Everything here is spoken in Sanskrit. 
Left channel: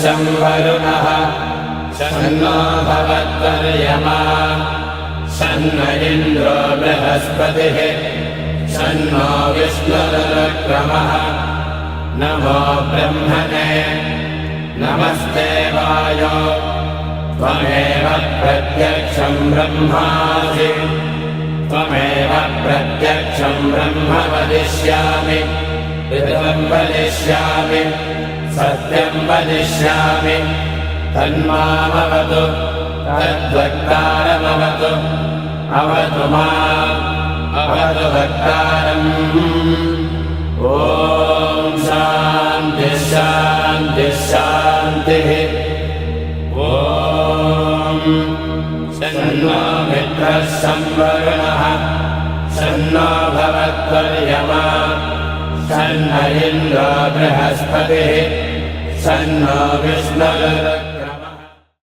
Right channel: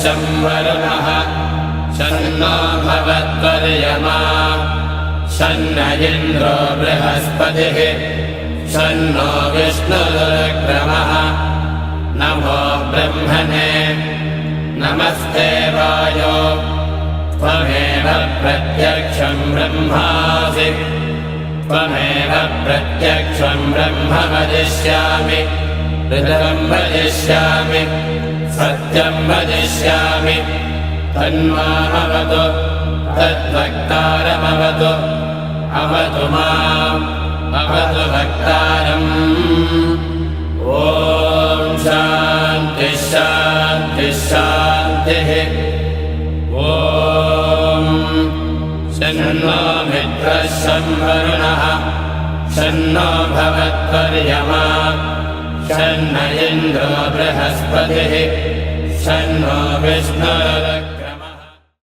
शम्भरुणः शन्नो भवत्वर्यमा शन्न इन्द्रो बृहस्पतिः शन्नो विष्णुरुक्रमः नमो ब्रह्मणे नमस्ते वायो त्वमेव प्रत्यक्षं ब्रह्मासि त्वमेव प्रत्यक्षं ब्रह्म वदिष्यामि ऋतं वदिष्यामि सत्यं वदिष्यामि तन्मामवतु तद्वक्तारमवतु अवतु माम् अवतु वक्तारम् ॐ शान्ति शान्ति शान्तिः ॐ शन्नो मित्रः शम्भरुणः शन्नो भवत्वर्यमा शन्न इन्द्रो बृहस्पतिः शन्नो विष्णुरुक्रमः